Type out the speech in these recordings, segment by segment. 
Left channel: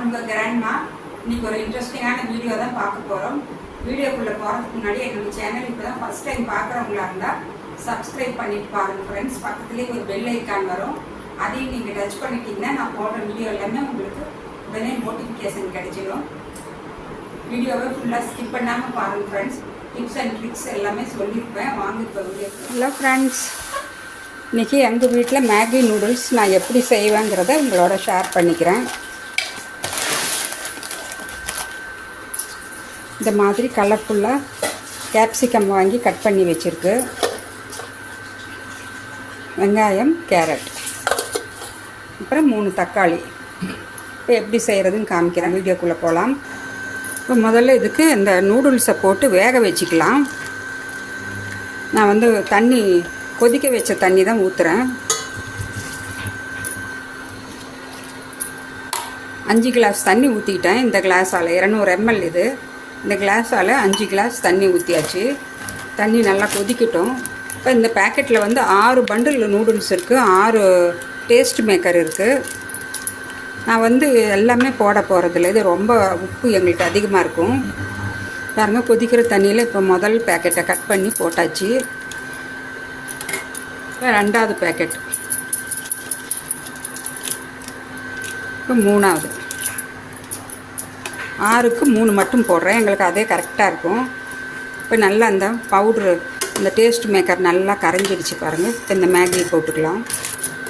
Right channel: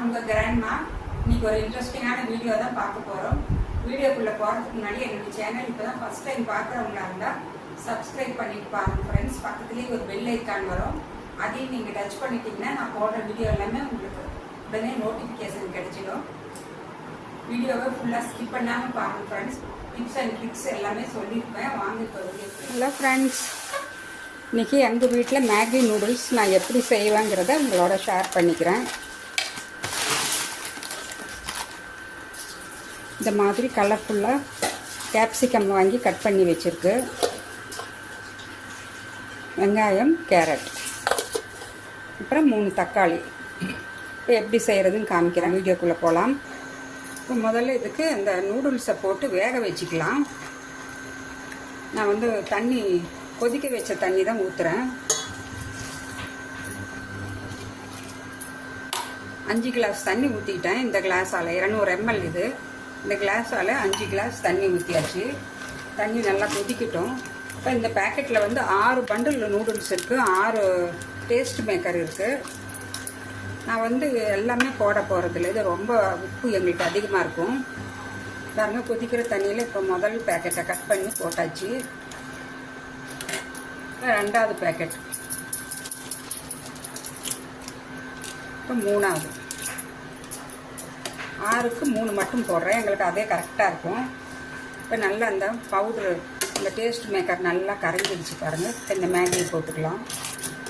நான் உங்கள் கிராண்ட்மா இன்னைக்கு ஒரு இன்ட்ரெஸ்டிங்கான வீடியோ தான் பார்க்க போகிறோம் வீடியோக்குள்ளே போகிறதுக்கு முன்னாடி என்னோடய சேனல் இப்போ தான் ஃபஸ்ட் டைம் பார்க்குறவங்களா இருந்தால் சப்ஸ்கிரைப் பண்ணிட்டு பாருங்க ஃப்ரெண்ட்ஸ் பக்கத்துலேயே ஒரு பெல் ஐக்கான் வரும். அதையும் நீங்கள் டச் பண்ணிட்டீங்கன்னா நான் போடுற வீடியோ எல்லாமே உங்களுக்கு உடனே நோட்டிஃபிகேஷன் கிடைச்சிடும். வீடியோவை ஃபுல்லாக ஸ்கிப் பண்ணாமல் பாருங்கள் ஃப்ரெண்ட்ஸ் டிப்ஸ் அண்ட் ட்ரிக்ஸ் எல்லாமே சொல்லியிருப்பேன். வாங்க இப்போ வீடியோ ஹலோ ஃப்ரெண்ட்ஸ் இன்றைக்கி எங்கள் வீட்டில் மேகி நூடுல்ஸ் நான் எப்படி செய்வேங்கிறத உங்களோட ஷேர் பண்ணிக்கிறேன். இந்த மாதிரி கலர்ஃபுல்லாக கேப்சிகம் வாங்கி கட் பண்ணி வச்சுருக்கு. வெங்காயம் கேரட் அப்புறம் மூணு தக்காளி. இப்போ எப்படி செய்கிறதுன்னு காமிக்கிறேன். வீடியோக்குள்ளே போகலாம் இப்போ முதல்ல இதுக்கு இந்த நூடுல்ஸை போட்டு வேக வச்சுக்கலாம். நான் வந்து தண்ணி கொதிக்க வச்ச தண்ணி தான் ஊற்றுறேன் அஞ்சு கிளாஸ் தண்ணி ஊற்றிக்கிட்டேன் இந்த கிளாஸால் இரநூறு எம்எல் இது. இந்த கிளாஸால் அஞ்சு கிளாஸ் தண்ணி ஊற்றியாச்சு தண்ணி நல்லா கொதிக்கட்டும். இப்போ இந்த பேக்கெட்டில் வந்து ஆறு பண்டில் நூடுல்ஸ் இருக்குது ஆறு டேஸ்ட் மேக்கர் இருக்குது நான் வந்து எல்லாமே போட போகிறதில்ல இது ரொம்ப உப்பு எங்களுக்கு அதிகமாக இருக்கும். பாருங்கள் கொதிக்கிற தண்ணியில் இப்போ முதல் பேக்கெட்டை கட் பண்ணி போட்டாச்சு. இப்போ ரெண்டாவது பேக்கெட் இப்போ மூணாவது. ஆறுக்கு மூணு மட்டும் போடுறேன். எங்களுக்கு அதே கரெக்டாக இருக்கும். இப்போ நல்லா அந்த பவுட்ரு இந்த டேஸ்ட் மேக்கர் நல்லா கரைஞ்சிடுச்சு பாருங்கள் இப்போ இந்த மேகி போட்டுக்கலாம்.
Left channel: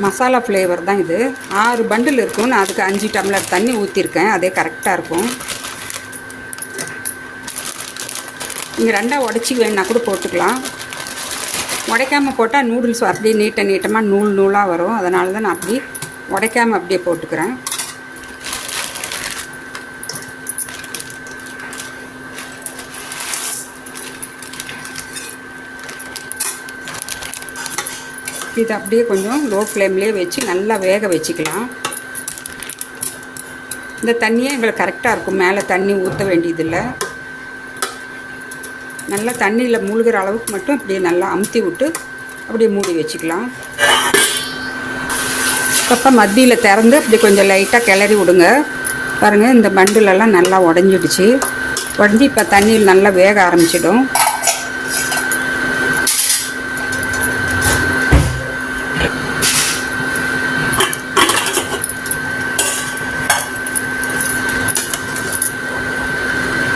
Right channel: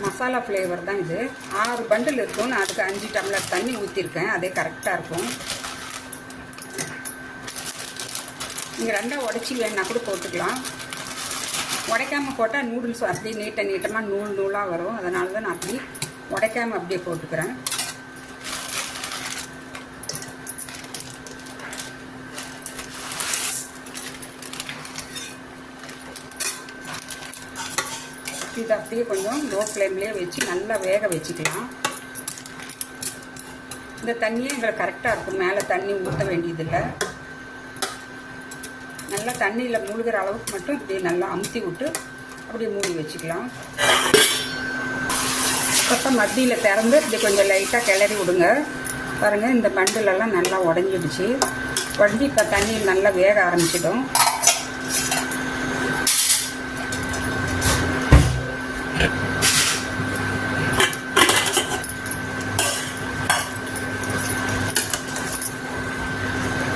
மசாலா ஃப்ளேவர் தான் இது. ஆறு பண்டில் இருக்கும் நான் அதுக்கு அஞ்சு டம்ளர் தண்ணி ஊற்றிருக்கேன் அதே கரெக்டாக இருக்கும். நீங்கள் ரெண்டாக உடச்சி வேணா கூட போட்டுக்கலாம். உடைக்காமல் போட்டால் நூடுல்ஸ் அப்படியே நீட்ட நீட்டமாக நூல் நூலாக வரும். அதனால தான் நான் அப்படி உடைக்காமல் அப்படியே போட்டுக்கிறேன். இதை அப்படியே கொஞ்சம் லோ ஃப்ளேம்லேயே வச்சு நல்லா வேக வச்சுக்கலாம். இந்த தண்ணியே எங்களுக்கு கரெக்டாக இருக்கும். மேலே தண்ணி ஊற்ற வேண்டியதில்லை. நல்லா தண்ணியில் மூழ்கிற அளவுக்கு மட்டும் அப்படியே நல்லா அமுத்தி விட்டு அப்படியே மூடி வச்சுக்கலாம். அப்பப்போ மத்தியில் திறந்து அப்படி கொஞ்சம் லைட்டாக கிளறி விடுங்க. பாருங்கள் இந்த பண்டிலெல்லாம் நல்லா உடஞ்சிடுச்சு. உடஞ்சி இப்போ தண்ணியில் நல்லா வேக ஆரம்பிச்சிடும்.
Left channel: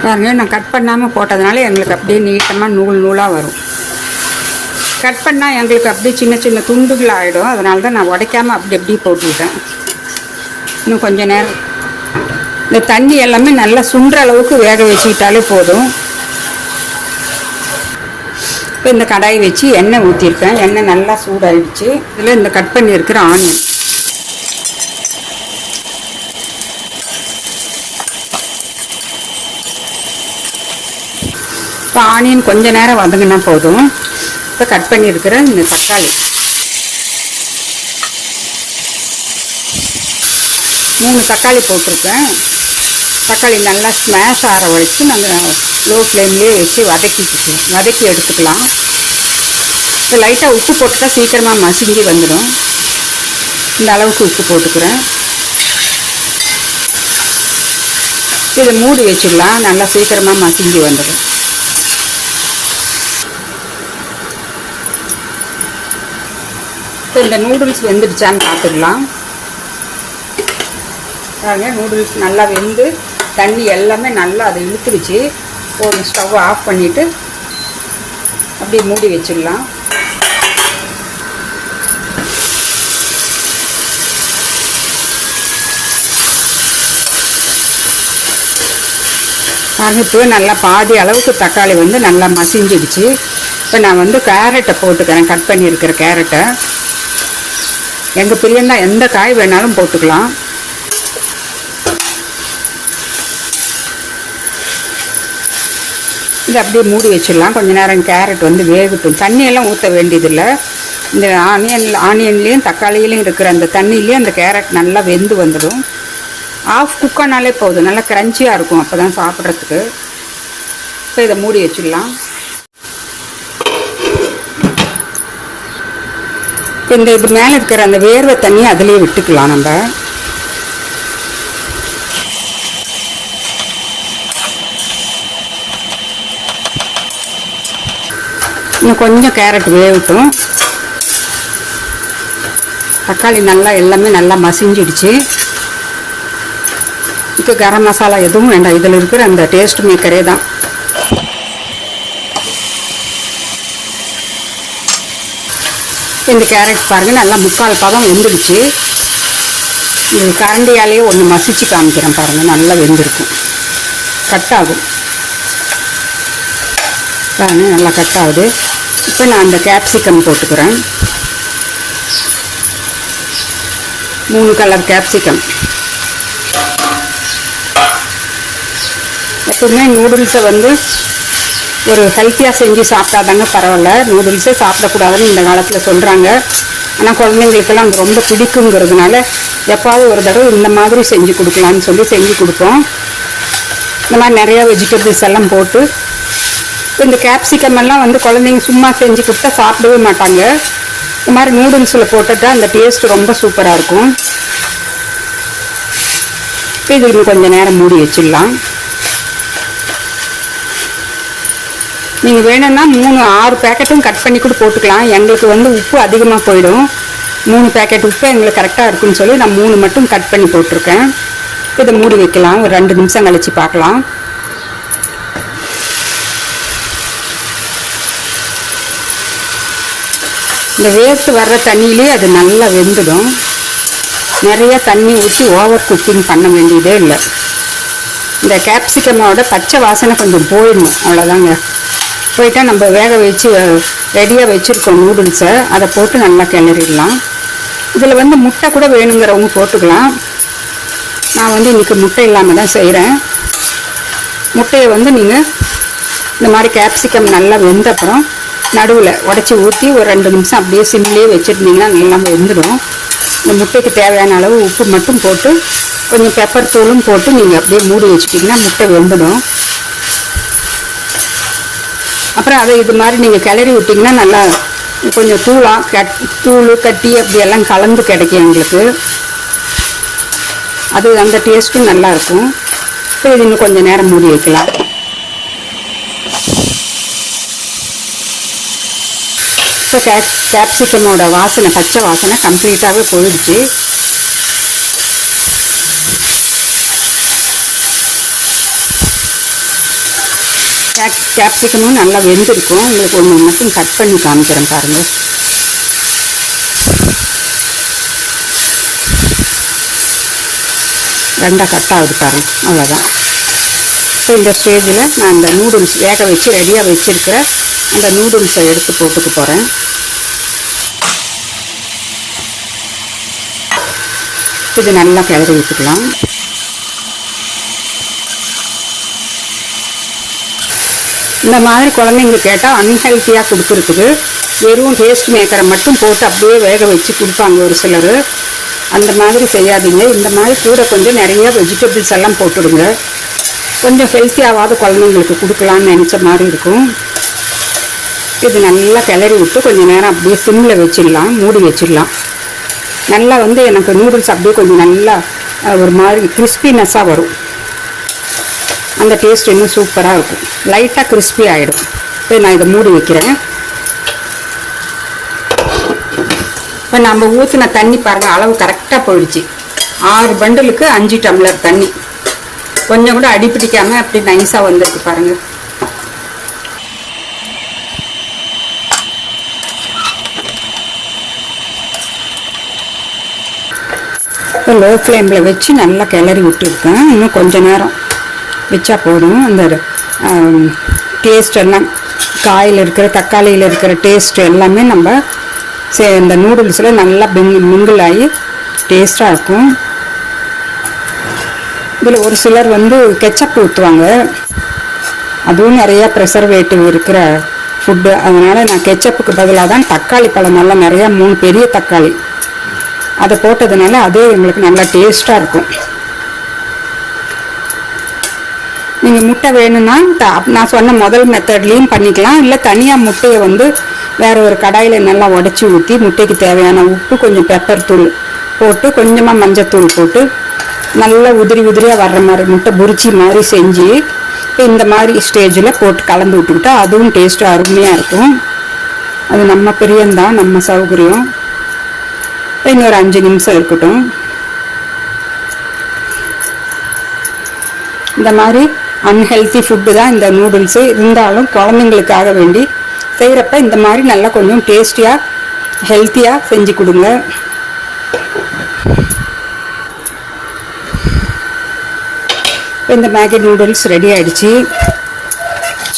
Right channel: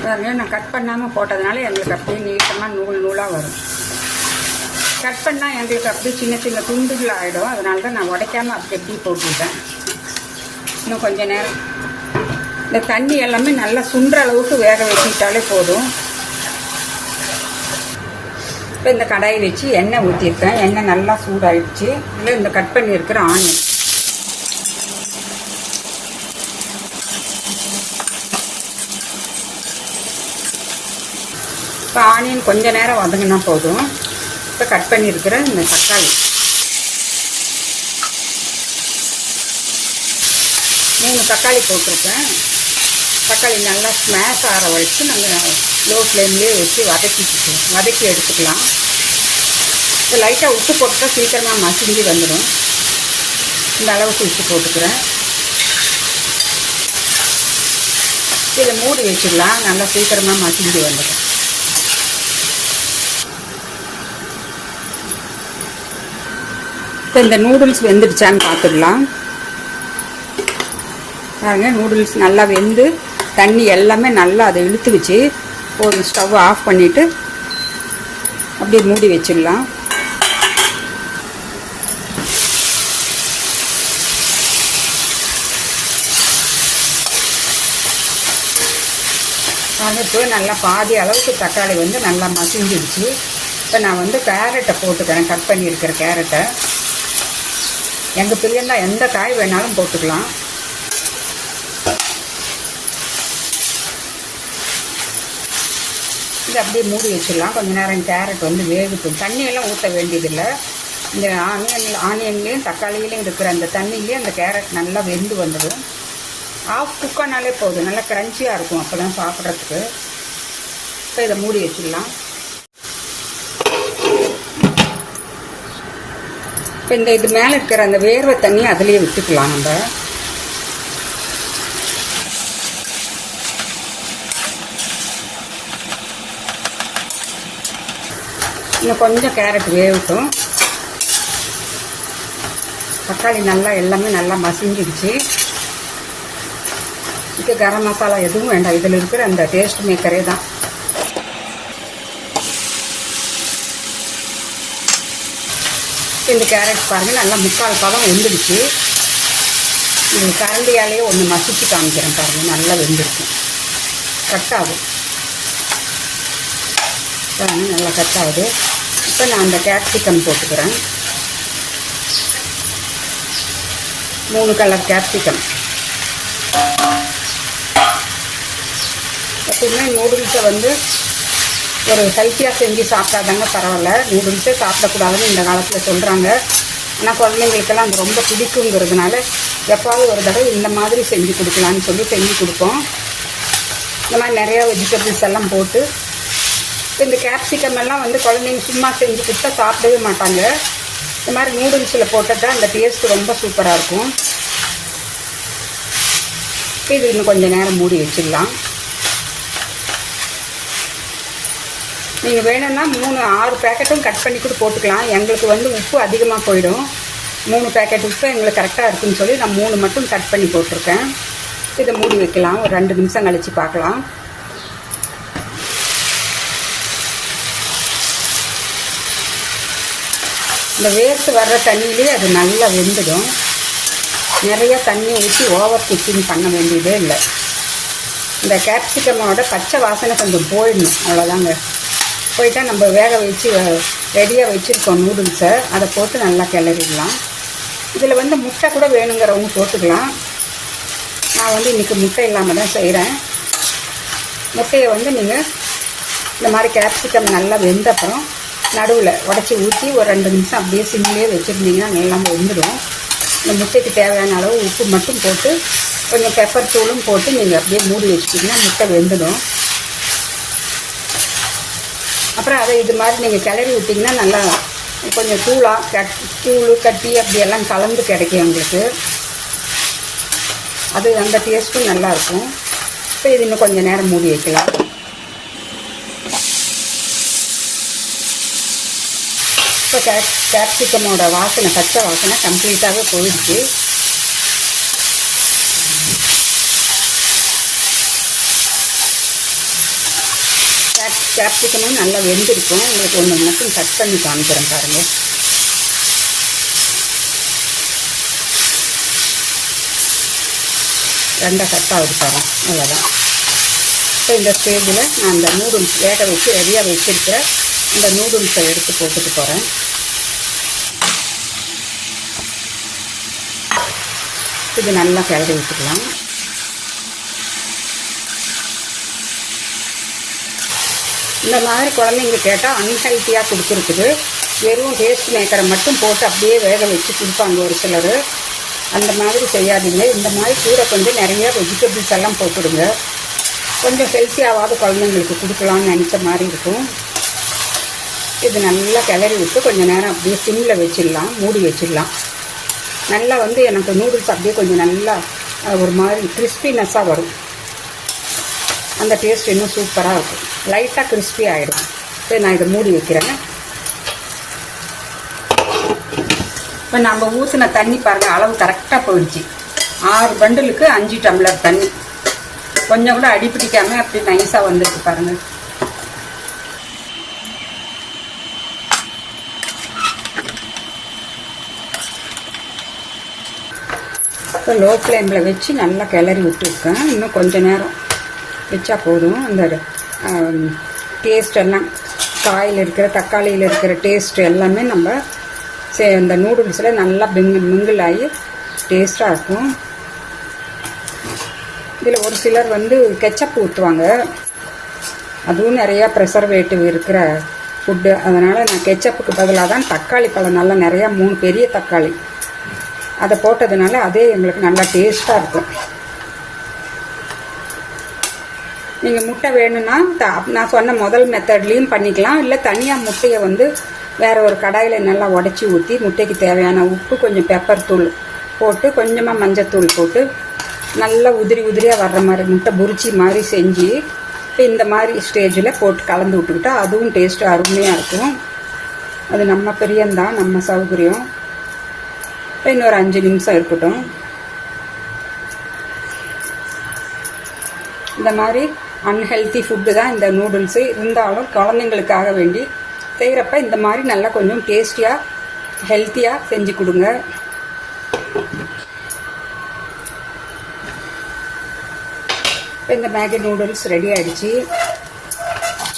பாருங்க நான் கட் பண்ணாமல் போட்டதுனால எங்களுக்கு அப்படியே நீட்டமாக நூல் நூலாக வரும். கட் பண்ணால் எங்களுக்கு அப்படியே சின்ன சின்ன துண்டுகள் ஆகிடும் அதனால தான் நான் உடைக்காமல் அப்படி அப்படியே போட்டுவிட்டேன் இன்னும் கொஞ்சம் நேரம். இந்த தண்ணி எல்லாமே நல்லா சுண்டுற அளவுக்கு வேக வச்சுக்கிட்டாலே போதும். இப்போ இந்த கடாயை வச்சு எண்ணெய் ஊற்றிருக்கேன் எண்ணெய் நல்லா சூடாகிடுச்சு இதில் இந்த கட் பண்ணியிருக்கிற ஆனியன். இப்போ ஆனியன் கொஞ்சம் நேரம் வதங்கினா போதும். இப்போ கட் பண்ணியிருக்கிற இந்த தக்காளி. மூணு தக்காளி போட்டிருக்கேன். தக்காளி நல்லா ஸ்மாஷ் ஆற வச்சு நாங்கள் லோ ஃப்ளேம்லேயே வச்சு வதக்கிட்டு வதக்கி எடுத்துக்கலாம். இப்போ லைட்டாக உப்பு போட்டுட்டா சீக்கிரமாக மசிஞ்சு வந்துடும். இந்த அளவுக்கு உப்பு போட்டுக்கிறேன். இதை மூடி வச்சிடலாம். நல்லா சீக்கிரமாக மசிஞ்சு வந்துடும். இப்போ இந்த நூடுல்ஸ் வெந்துடுச்சான்னு பார்த்துடலாம் பாருங்க நூடுல்ஸ் நல்லா வெந்து தண்ணி எல்லாமே நல்லா அதை இழுத்துக்குச்சு ஒரு ஸ்டவ் ஆஃப் பண்ணிவிட்டு அப்படியே மூடி வச்சிடலாம். பாருங்க இப்போ நல்லா பாதி அளவுக்கு தக்காளி வந்து நல்லா மசிஞ்சிடுச்சு. இப்போ நான் வந்து கேரட்டை போட்டுக்கிறேன் கட் பண்ணியிருக்கிற கேரட்டை எங்கள் பிரியன்னா எந்த காய் வேணாலும் போட்டுக்கலாம். இது அப்படியே மூடி வச்சிடலாம். கொஞ்ச நேரம் கேரட் வந்து வேகட்டும். தண்ணியெல்லாம் ஊற்ற வேண்டியதில்லை. இந்த ஆனியன் ஆனியன்லேயும் தக்காளியிலையும் இருக்கிற அந்த தண்ணியிலையும் அந்த கேரட் நல்லா வெந்து வந்துடும். ஆஃப் குக்கானாலே போதும். நல்லா க்ரன்ச்சியாக இருக்கும். அப்போ தான் சாப்பிட்றதுக்கு. இப்போ இதை மூடி வச்சிடலாம். இப்போ இந்த இது மேலே இருக்கிற அந்த வேர்வை தண்ணி அதுலேயே விட்டுக்கலாம் நம்ம. இன்னும் கொஞ்சம் கேரட் வேகட்டும். தக்காளி நல்லா எல்லாமே நல்லா மசிஞ்சிடுச்சு. இப்போ கரம் மசாலா எதுவும் வேண்டாம். இதில் இருக்கிற அந்த டேஸ்ட் மேக்கரே தான். இந்த கேரட் பாருங்கள் நல்லா முக்கால் பதம் வெந்துடுச்சு. இது கரண்டியாலேயே ஒன்று மசிச்சு காமிக்கிறேன் பாருங்கள் நல்லா வெந்திருக்கும். கட் ஆகும். பாருங்கள் நல்லா கட் ஆகுது. இப்போ நான் அந்த கேப்சிகம் போட்டுக்கிறேன். மூணு கலர் கேப்சிகம் எப்பவுமே நூடுல்ஸை வந்து ஒரு ஹெல்த்தியாக செஞ்சு சாப்பிட்டாதாங்க பரவாயில்ல. நூடுல்ஸே சாப்பிடக்கூடாதுன்னு இந்த காலத்தில் சொல்கிறாங்க ஆனால் குழந்தைங்களுக்கெல்லாம் அது ரொம்ப பிடிக்குங்கிறதுனால எப்பாவது ஒரு தடவை இந்த மாதிரி செஞ்சு கொடுக்கலான்னு சொல்லி செஞ்சு கொடுப்போம். இந்த மாதிரி நிறையா வெஜிடபிள்ஸ் எல்லாம் போட்டு இப்போ இந்த கேப்சிகம் எல்லாம் வந்து குழந்தைங்க சும்மா செஞ்சு கொடுத்தா சாப்பிடவே மாட்டாங்க. இந்த மாதிரி நூடுல்ஸில் போட்டுட்டா அந்த டேஸ்ட் ரொம்ப சூப்பராக இருக்கும். இப்போ இது இன்னும் கொஞ்சம் நேரம் மூடி வச்சிடலாம். நீங்கள் வேணும்னா மூணு ஆறு பேக்கெட்டும் கட் பண்ணி கூட போட்டுக்கலாம். எங்களுக்கு வந்து உப்பு அதிகமாக போயிடும். மூணு பேக்கெட் உப்பு எங்களுக்கு கரெக்டாக இருக்குன்னு சொல்லி நான் மூணு மட்டும் கட் பண்ணி போட்டிருக்கேன். இதை மூடி வைக்கலாம். ஒரு ரெண்டு நிமிஷம் கழித்து பார்க்கலாம். இந்த வேஸ்ட் வர்ற தண்ணியிலே அது நல்லா வெந்துடும். நிறையா தண்ணி ஊற்றி ஓவர் குக்கிங் பண்ண வேண்டியதே இல்லை. இந்த கேப்சிகமோட பச்சை வாசனை கொஞ்சம் போயிடணும். அவ்வளோதாங்க போயிட்டா நம்ம வேக வச்சு ரெடியாக வச்சுருக்கோம் நூடுல்ஸை அதை போட்டு நல்லா கிளறிடலாம். இதில் வந்து முட்டை கூட வேணுங்கிறவங்க போட்டுக்கலாம். நான் வந்து இன்றைக்கி முட்டை இல்லாமல் தான் செய்கிறேன் முட்டையை வந்து நீங்கள் இந்த மாதிரி கேப்சிகம் நல்லா வெந்த அப்புறம் நடுவில் உடச்சி ஊற்றி ஒரு ரெண்டு நிமிஷம் அப்படியே சிம்லேயே வச்சுருந்தீங்கன்னா நல்லா வெந்துடும். இந்த முட்டைக்கு தேவையான அளவு உப்பு மட்டும் போட்டு கொஞ்சம் பெப்பர் தூளும் போட்டு நீங்கள் அப்படியே மூடி வச்சுட்டிங்கன்னா முட்டை வெந்துடும். அப்புறம் அதை இது மாதிரி நீங்கள் கிளறி விட்டிங்கன்னா நல்லா கொஞ்சம் தூளாக கட் தூள் கட்டி அப்படியெல்லாம் கலந்து கிடைக்கும் எங்களுக்கு. அது அந்த டேஸ்ட்டும் நல்லாயிருக்கும் இப்போ இது இன்னும் கொஞ்சம் நேரம் மூடி வைக்கலாம். இப்போ கேப் கேப்சிக்கமோட வாசனை பச்சை வாசனை கம்ப்ளீட்டாகவே போயிடுச்சு. கேப் கேப்சிகமும் நல்லா வெந்திருக்கும். உங்களுக்கு ஒன்று மட்டும் கட் பண்ணி காமிக்கிறேன் பாருங்கள் ரெண்டாக கட் ஆகுது பாருங்க. அவ்வளோதான் இப்போ இந்த ஸ்டேஜில் நான் அந்த நூடுல்ஸ் வேக வச்சு ரெடியாக வச்சுருக்கிற அந்த நூடுல்ஸை எடுத்து போட்டுக்க போகிறேன் இது நல்லா கிளறி விட்டுக்கலாம். இந்த மாதிரி குழந்தைங்க கேட்டால் அன்ஹெல்த்தியாக கொடுத்துருக்குது வெறும் டேஸ்ட் மேக்கரை மட்டும் போட்டு அப்படியே வேக வச்சு கொடுப்பாங்க ஒரு சிலர். அந்த மாதிரி செய்யாதீங்க. இந்த மாதிரி கூட கொஞ்சம் நிறைய வெஜிடபிள்ஸ் எல்லாம் போட்டுடுங்க. கொஞ்சம் ஹெல்த்தியாகாத குழந்தைங்களுக்கு கொடுக்கலான்னு நினச்ச மாதிரி இருக்கும். இது நல்லா கிளறி விட்டு கொஞ்சம் நேரம் அப்படியே சிம்மில் வச்சிடலாம். மூடி வச்சிடலாம். நல்லா வந்து எனக்கு நூடுல்ஸ் அப்படியே கொஞ்சம் நல்லா ஒரு மாதிரி கிறிஸ்பினஸ்ஸாக வரும். அந்த டேஸ்ட் இன்னும் சூப்பராக இருக்கும். லைட்டாக கிறிஸ்பி ஆகிடும் இப்போ நான் இதை மூடி வைக்கிறேன். இப்போ நம்ம ஊற்றின தண்ணி பாருங்கள் அளவு கரெக்டாக போயிடுச்சு. ஆறு பண்டலுக்கு அஞ்சு டம்ளர் தண்ணி. கொஞ்சம் கூட அடி அப்படி நைஸாக வந்திருக்கு பாருங்கள் இப்போ லோ ஃப்ளேமில் வச்சு நல்லா கிளறி விட்டுருக்கேன். இன்னும் கொஞ்சம் நேரம். வச்சா போதும். அந்த டேஸ்ட் எல்லாம் காயில் இருக்கிற தக்காளியில் இருக்கிற டேஸ்ட் எல்லாமே நம்ம சே இந்த நூடுல்ஸில் நல்லா பிங் மிங்கிள் ஆகி டேஸ்ட்டாக இருக்கும். இதில் ஒரு சிலர் வந்து கெச்சப் ஊற்றுவாங்க அதுவும் நிறையா ப்ரெசர்வேட்டிவ் இருக்கிற ஃபுட்டு அதனால் நான் கெச்சப்புக்கு பதிலாக தான் தக்காளி பழம் நல்லா நிறையா மூணு பெரிய தக்காளி. அதை போட்டதுனால அதே எங்களுக்கு நல்லா டேஸ்ட்டாக இருக்கும். நீங்கள் முட்டை வேணும்னா த- நான் சொன்ன முதல் மெத்தட்லேயும் பண்ணிக்கலாம். இல்லை தனியாக முட்டையை வந்து வேற ஒரு கடாயில் நல்லா உடச்சி ஊற்றி முட்டைக்கு தேவையான உப்பு கொஞ்சம் பெப்பர் தூள் போட்டு கொஞ்சமாக மஞ்சத்தூள் போட்டு நல்லா உதிரி உதிரியாக வர்ற மாதிரி முட்டை புரிச்சி மாதிரி செஞ்சு இப்போ இந்த மாதிரி ஸ்டேஜில் போட்டு கலந்து விட்டுக்கிட்டா அதுவும் டேஸ்ட்டு அருமையாக இருக்கும். அது நம்ம பிரியந்தான் நம்ம சௌகரியம். இன்னொரு அஞ்சு நிமிஷம் இருக்கட்டும். இந்த மாதிரி அன்ஹெல்த்தி ஃபுட்டு தான் இந்த நூடுல்ஸு இருந்தாலும் குழந்தைங்களுக்காக வேண்டி செய்கிறப்ப இந்த மாதிரி நல்லா கொஞ்சம் டேஸ்டியாக ஹெல்த்தியாக செஞ்சு கொடுங்க. இந்த மேகி நூடுல்ஸ் ரெடி ஆகிடுச்சி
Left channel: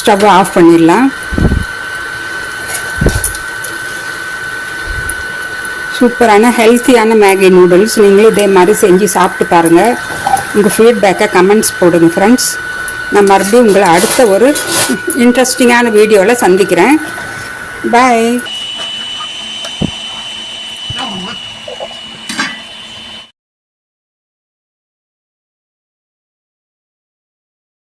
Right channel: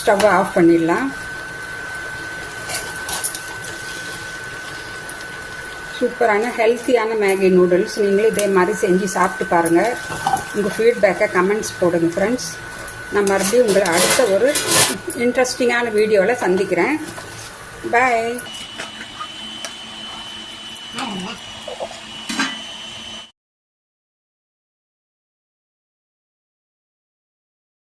ஸ்டவ்வை ஆஃப் பண்ணிடலாம். சூப்பரான ஹெல்த்தியான மேகி நூடுல்ஸ் நீங்களும் இதே மாதிரி செஞ்சு சாப்பிட்டு பாருங்கள் உங்கள் ஃபீட்பேக்கை கமெண்ட்ஸ் போடுங்க ஃப்ரெண்ட்ஸ் நான் மறுபடியும் உங்களை அடுத்த ஒரு இன்ட்ரெஸ்டிங்கான வீடியோவில் சந்திக்கிறேன். பாய்